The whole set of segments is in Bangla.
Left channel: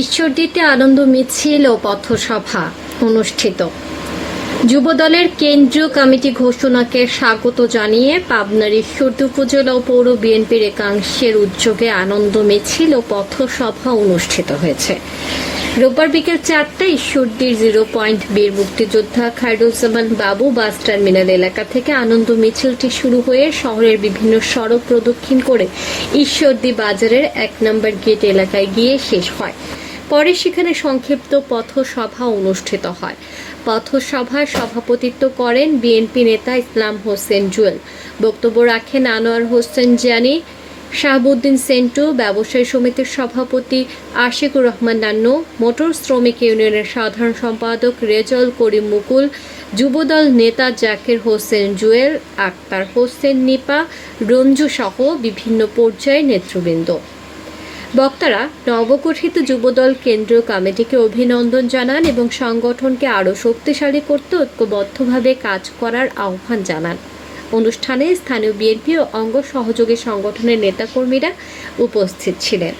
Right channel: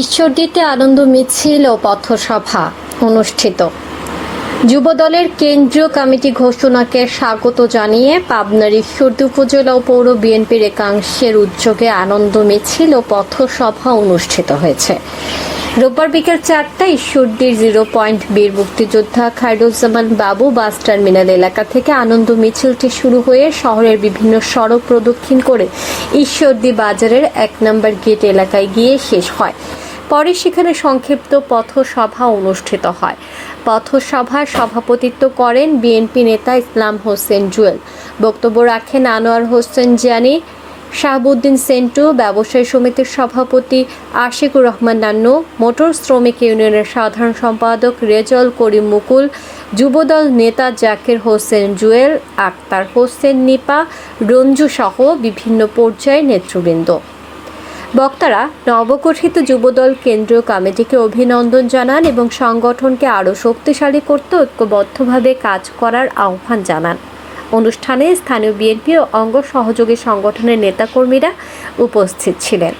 ঈশ্বরদীতে আনন্দ মিছিল ও পথসভা অনুষ্ঠিত। যুবদলের কেন্দ্রীয় কমিটি ঘোষণাকে স্বাগত জানিয়ে পাবনার ঈশ্বরদী উপজেলা ও পৌর বিএনপির একাংশের উদ্যোগে আনন্দ মিছিল ও পথসভা অনুষ্ঠিত হয়েছে। রোববার বিকেল 4টায় ঈশ্বরদীর 0 পয়েন্ট বীর মুক্তিযোদ্ধা খায়রুজ্জামান বাবু বাস টার্মিনাল এলাকা থেকে আনন্দ মিছিলটি শুরু হয়ে শহরের বিভিন্ন সড়ক প্রদক্ষিণ করে ঈশ্বরদী বাজারের 1 নম্বর গেট এলাকায় গিয়ে শেষ হয়। পরে সেখানে সংক্ষিপ্ত পথসভা অনুষ্ঠিত হয়। পথসভায় সভাপতিত্ব করেন বিএনপি নেতা ইসলাম হোসেন জুয়েল। বক্তব্য রাখেন আনোয়ার হোসেন জানি, শাহাবুদ্দিন সেন্টু, ব্যবসায়ী সমিতির সভাপতি আশিকুর রহমান নান্নু, মোটর শ্রমিক ইউনিয়নের সাধারণ সম্পাদক রেজল করিম মুকুল, যুবদল নেতা জাকির হোসেন জুয়েল, আক্তার হোসেন নিপা, রঞ্জু সহ বিভিন্ন পর্যায়ের নেতৃবৃন্দ। বক্তারা নবগঠিত যুবদল কেন্দ্রীয় কমিটিকে অভিনন্দন জানান এবং সংগঠনকে আরও শক্তিশালী করতে ঐক্যবদ্ধভাবে কাজ করার আহ্বান জানান। অনুষ্ঠানে স্থানীয় বিএনপি ও অঙ্গ সহযোগী সংগঠনের নেতাকর্মীরা উপস্থিত ছিলেন।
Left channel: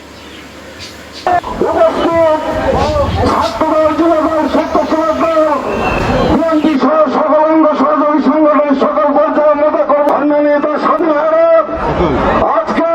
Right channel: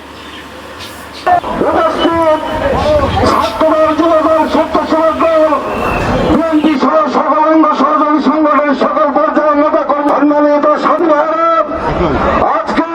আজকে